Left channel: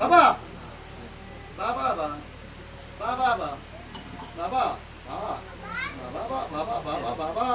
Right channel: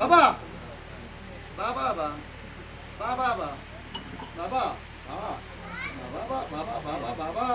বাবা বাবা বাবা বাবা বাবা বাবা বাবা বাবা বাবা বাবা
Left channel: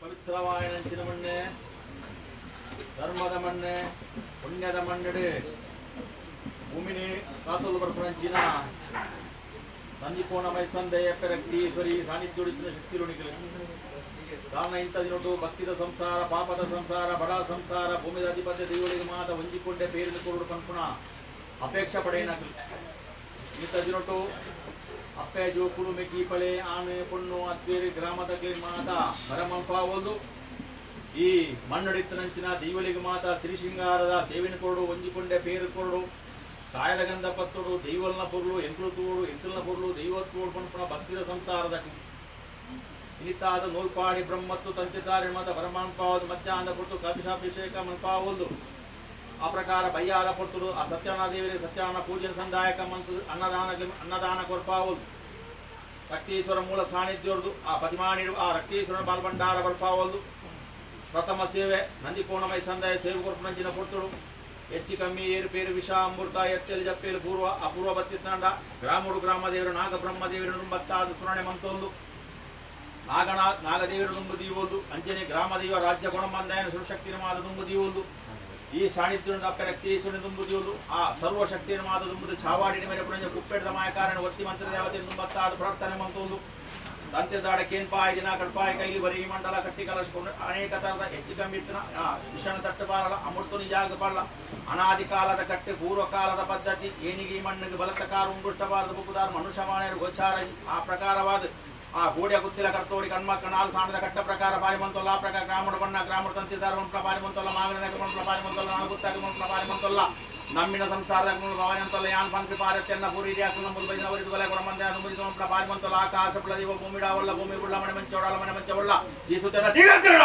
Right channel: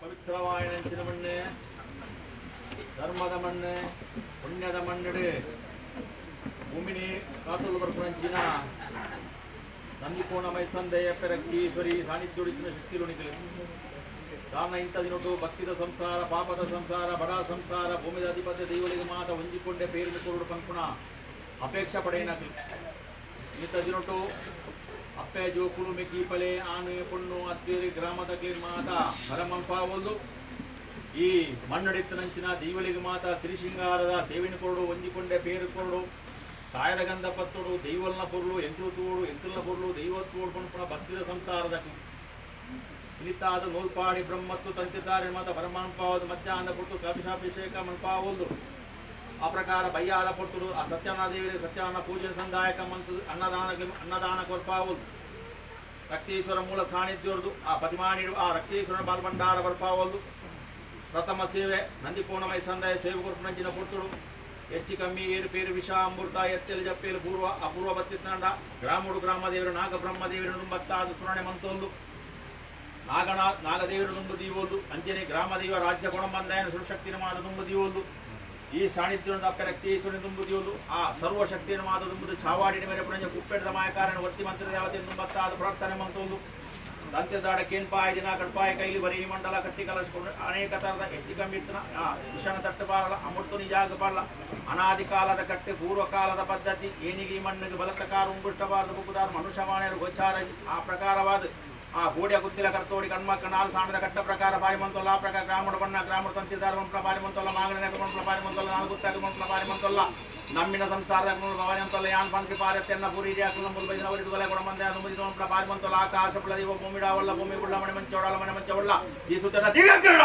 ಪವಿತ್ರವಾದ ನೆಂಚಿನ ಮಣ್ಣೆ ಧರ್ಮದ ಮಣ್ಣೆ ಪುಣ್ಯದ ಮಣ್ಣೆಡೆ ಭೂಮಿನಿ ಕಾತಲು ಬರ್ಪಂಚಿನ ನಂದಿಕೋಣ ಮೈಸಂದೆಯ ಪೆರಕ್ತೀಶ್ವರಿ ಸಾನ್ನಿಧ್ಯುಡಿತಿನ ಶಕ್ತಿರುಣಿಗಳು ಕಾರಣ ಇಂಥದಿನೊಟ್ಟು ಭಕ್ತಿದ ಸಂಸಾರ ಪಾಪದ ಸಂಸಾರ ಬಡ ಸಂಸಾರ ಭೂಮಿದ ಅಧಿಪತ್ಯ ದೈವಳಿಗೆ ಮಾತ ಹೊಂದಿಕೊಂಡೆ ಬೇರಿದ ಕೊರಡು ಪಂಪುಣ ಅಪೇಕ್ಷೆ ಪಡೆಯನಾಗಲಿ ಇಂಥದಿನೊಟ್ಟು ಅಪ್ಪೆ ಜೋಕುಳು ಮೆಕ್ಕಿ ಪಳೆ ಆನೆ ಪೊಣ್ಣು ಅದ್ದೇರಿ ಗ್ರಾಮದಲ್ಲಿ ಮಾತ ಮರಮಂಪಾವೊಂದು ಈ ಮಣ್ಣಡಿತ್ತನಂಚಿನ ದೈವಳಿಗೆ ಮಾತ ಸಿರಿಶೃಂಗಾರದ ಸೇವಿನ ಕೊರಡು ಹೊಂದಿಕೊಂಡೆ ಬೇರು ಕೊರಡು ಸಾಯದ ಗಂಧ ಪತ್ತೋಡು ದೈವಲ್ನ ಪೊರ್ಲು ಎಂಕುಲು ತೂಡು ಎಂಕಲ್ನ ಪೊರ್ಲು ದೈವತ್ತೋಡು ಪಂಪುಣ ಭಕ್ತಿದ ಸಂಸಾರದ ಇನಿತಾದ ನೂಲ್ಪಾಡಿ ಬ್ರಹ್ಮತ್ತು ತಂತಿದ್ದಾರೆ ಮಾತ ಪರಮಾಂಪಾವದು ಮಧ್ಯಾಹ್ನ ಪೊಟ್ಟು ಕಪಿಶಾಭಿಷೇಕ ಮನ್ಪಾವೊಂದು ಆ ಪ್ರಕಾರ ಬಯ್ಯಾದ ಪೊಟ್ಟು ಆ ಸತ್ಯನಾಥ ದೇವರಿಗೆ ಸತ್ಯನಾರಾಯಣ ಪೂಜೆ ಸಂದಾಯಕ ಮಂತು ಅನ್ನದಾನ ಕೊರ್ಪಾವೊಂದು ರಕ್ತೇಶ್ವರ ಮೂಲ ಸಾನ್ನಿಧ್ಯವರದು ಆ ಪ್ರತಿಮಾನಿಡು ಆ ರಕ್ತೇಶ್ವರನ ಬಾಲ್ಭಂಡಾರ ಬರ್ಪಾವೊಂದು ಪ್ರಥಮ ಸೇವೆ ನಂದಿಕೋಣಮೈ ಸಂದಾಯ ಸೇವೆ ಕೊರ್ಪುನಂಚಿನ ಪೊಟ್ಟುಡು ಹೆಚ್ಚು ಕಮ್ಮಿ ಏರುಪೇರು ವಿಷ ಅಮೃತ ಎತ್ತಲು ಜಪ್ಪೇರು ಪೂರ್ವ ಅಪೂರ್ವ ಬತ್ತಿತ್ತಂಡ ಗ್ರಾಮುಡು ಗ್ರಾಮದೇವರು ನಾಗಬ್ರಹ್ಮದೇವರು ನುಂಬತ್ತಾದ ಸ್ಮರಣೆ ಮಂತೊಂದು ನಾಗದೇವರು ನುಂಬು ದೀವೊಂದು ಅಂಜನೆ ಗ್ರಾಮದೇವ ರಾಜ್ಯ ಗುಣಮಂದಾಯನ ಸುರಶಕ್ತಿನ ಮಾದ ನುಂಬು ದೀವೊಂದು ಈ ಸಾನ್ನಿಧ್ಯದ ಅಪ್ಪ ರಕ್ತೇಶ್ವರನ ದುಂಬು ದೀವೊಂದು ಆ ಸರ್ವ ಶಕ್ತಿನ ಮಾದ ದುಂಬುದು ಚಾವಾಡಿನ ಮೇಲೆ ಪುಣಂಜ ಕುಪ್ಪೆಡದ ಮಾಯಕಾರಣ ವರ್ತಿ ಮಂತ್ರ ದೇವತೆ ನುಂಬತ್ತಾದ ಪ್ರಾರ್ಥನೆ ಮಂತೊಂದು ದಂತೆದಾಡ ಕೇನ್ಪಾಯ ದಿನ ಕಡ್ಪಾಯ ಕೈಲಿ ಬರೀ ಮಂಡಲ ಕಟ್ಟಿ ಕಲಸಿಕೊಂಡು ಅನೇಕ ತರದ ಹೆಚ್ಚು ಕಮ್ಮಿತ್ತಿನ ವಿಷಣ ತಟ್ಟಬಾರಲ್ಲ ಅಮೃತ ನಿಜಾಗಬಾರಲ್ಲ ಅನಾದಿ ಕಾಲದ ಕಟ್ಟೆ ಪೂರ್ವ ಕಾಲದ ಪದ್ಧತಿ ಏನಿಗೆ ಮಣ್ಣಿಗೆ ಬಲತಕಾರ ಉಂಗುಷ್ಟಬಾರದು ಬುಕ್ಕುದಾರ ಮನುಷ್ಯಮಾನ್ಯರು ಗೋಚಾರ ಆ ಪ್ರಕಾರವಾದ ಆ ಗೋಡಿಯ ಗುತ್ತಿಲ ಕರ್ತೋಡಿ ಕಣ್ಮಕ್ಕ ನಾಲ್ ಸಾಣದ ಕಟ್ಟ ಪ್ರಕಾರ ಪಾರಿಮಂತೊಲ್ಲ ಆ ಪ್ರಕಾರ ಗ್ರಾಮಡ ಬಣ್ಣ ಗ್ರಾಮಡ ತಂತಿದಾರ ಮಂತ್ರ ಪಾರಿಮಂತೊಲ್ಲ ಮಾಗಲಿನ ಮಂತ್ರ ಪಾರಿಮಂತೊಲ್ಲ ನಾನು ಗುತ್ತಾಗಿ ಮಂತ್ರ ಪಾರಿಮಂತೊಲ್ಲ ನಮ್ಮಿನ ಸಂಸಾರದ ಭವನಂತೊಲ್ಲ ಯಾನ್ ಪಂಕ್ತಿ ಪಾರತ್ಯನ್ನ ಪೂರಿ ರಿಯಾಕು ನಂಬುದು ಬೈದ ಅವರಿದು ಬಲೆ ಕೊಡ ಮಂದೆ ಅನುಮತಿ ಮಂತ್ರ ಪಾರಿಮಂತೊಲ್ಲ ಆಕಾಶ ಪ್ರದೀಪ ಭೂಮಿಡಾವಲ್ಲ ಭೂಮಿ ಗುಳ್ಳ ಮನೆ ಮಂಚೋಡಲ್ಲ ಮನೆ ಮಂಚವಲ್ಲ ಈ ಸುತ್ತದ ದಿಗಂಕರಣ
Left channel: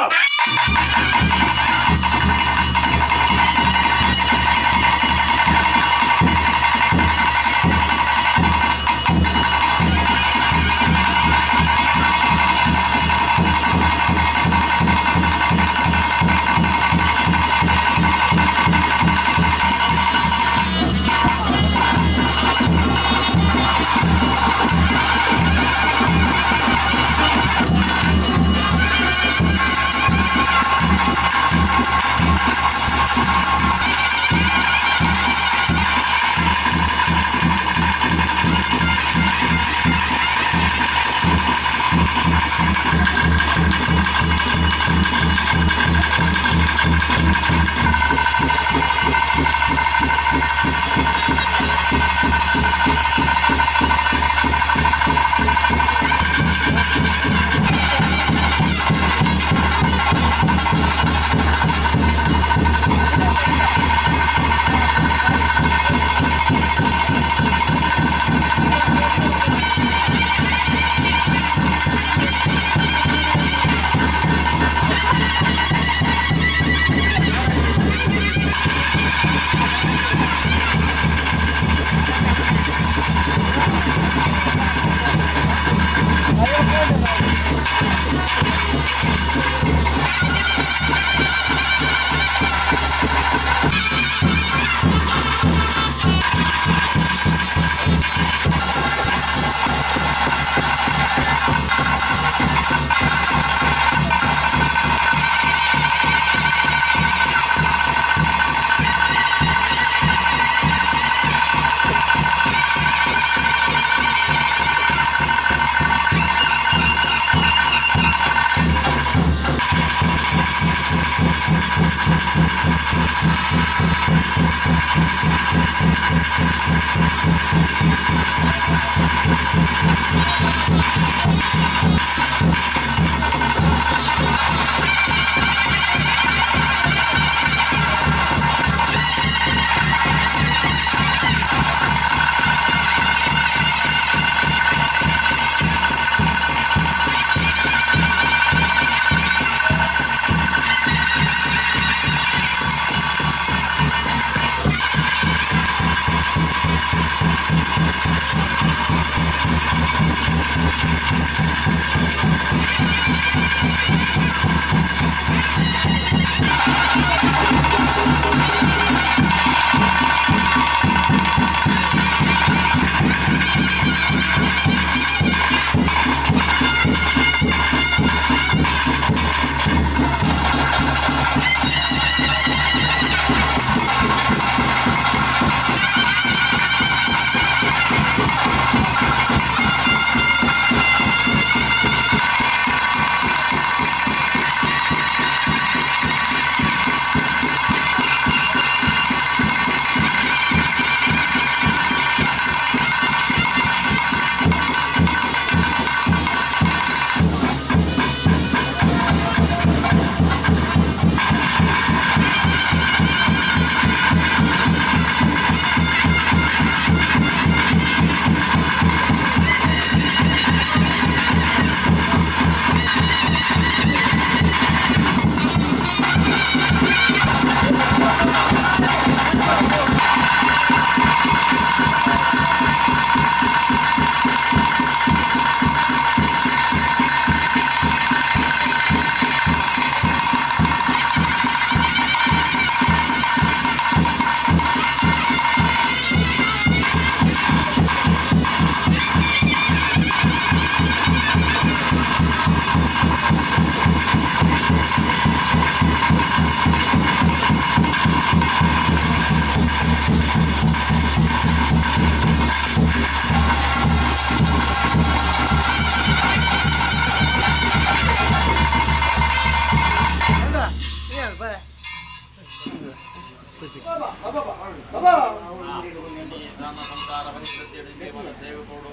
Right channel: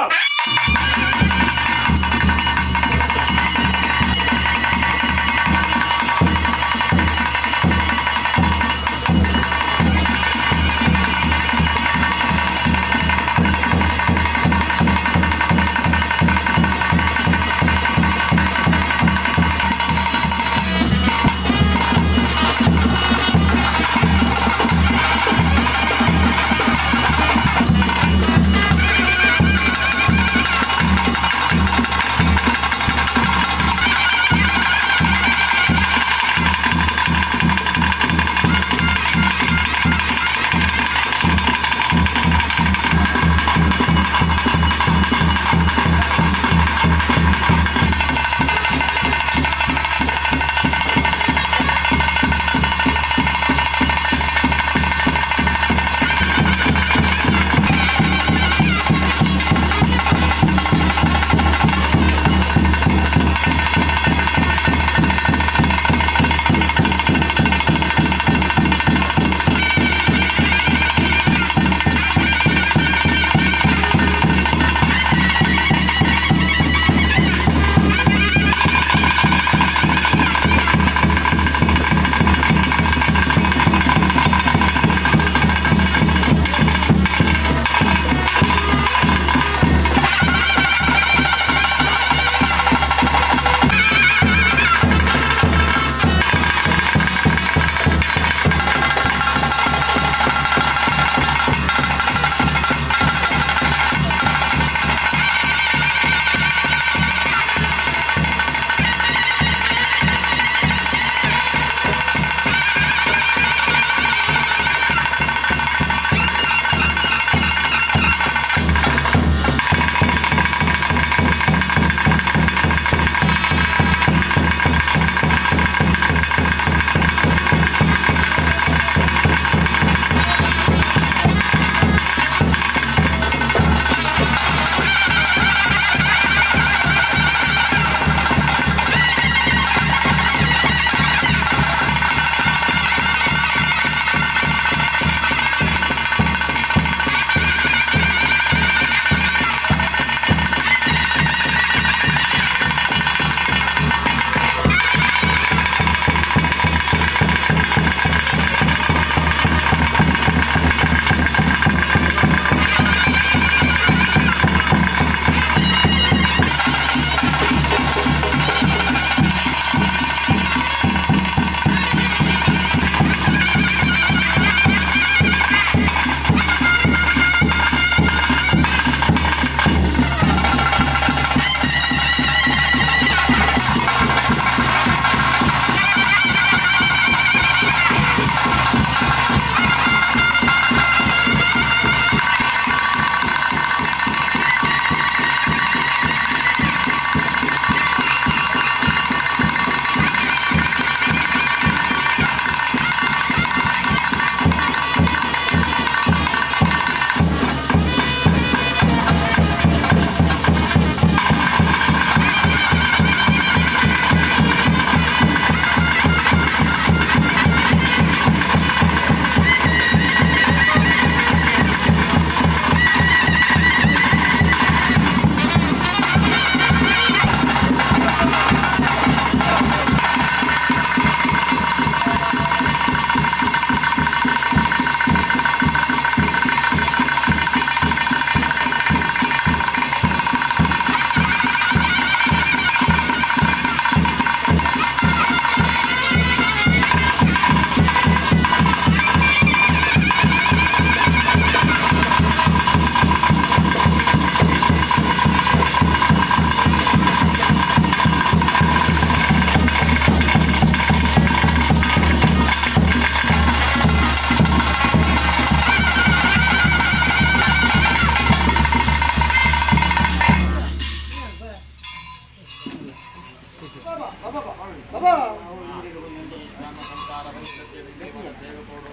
భవిష్యత్తు మన సేవకుడు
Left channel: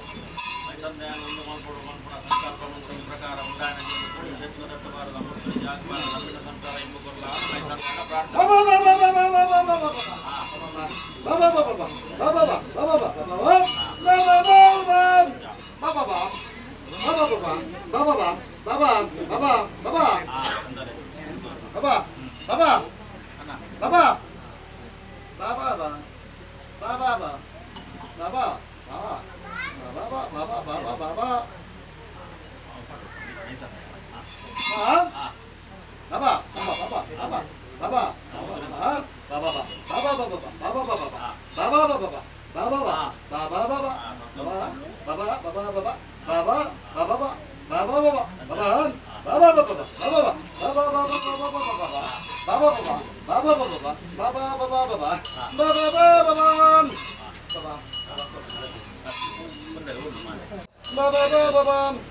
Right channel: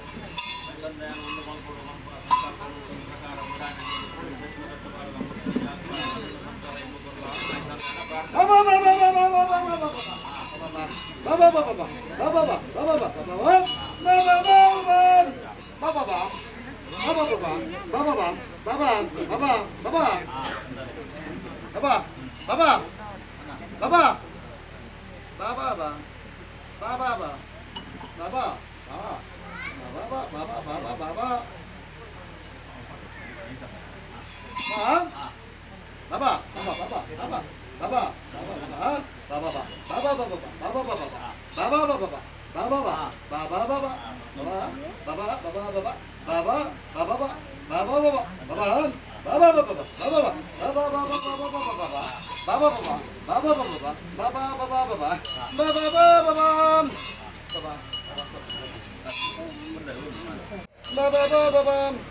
మైతందాన్ని ఉండు మల్పుడు మల్పున సంకల్పం ఈ ప్రకారం ఉండాలని మూడు చెట్లు తట్టువారు అమృత జాగ్వారు నవీన సంసార ఇమ్ముకుర్ల మైతందాన Baba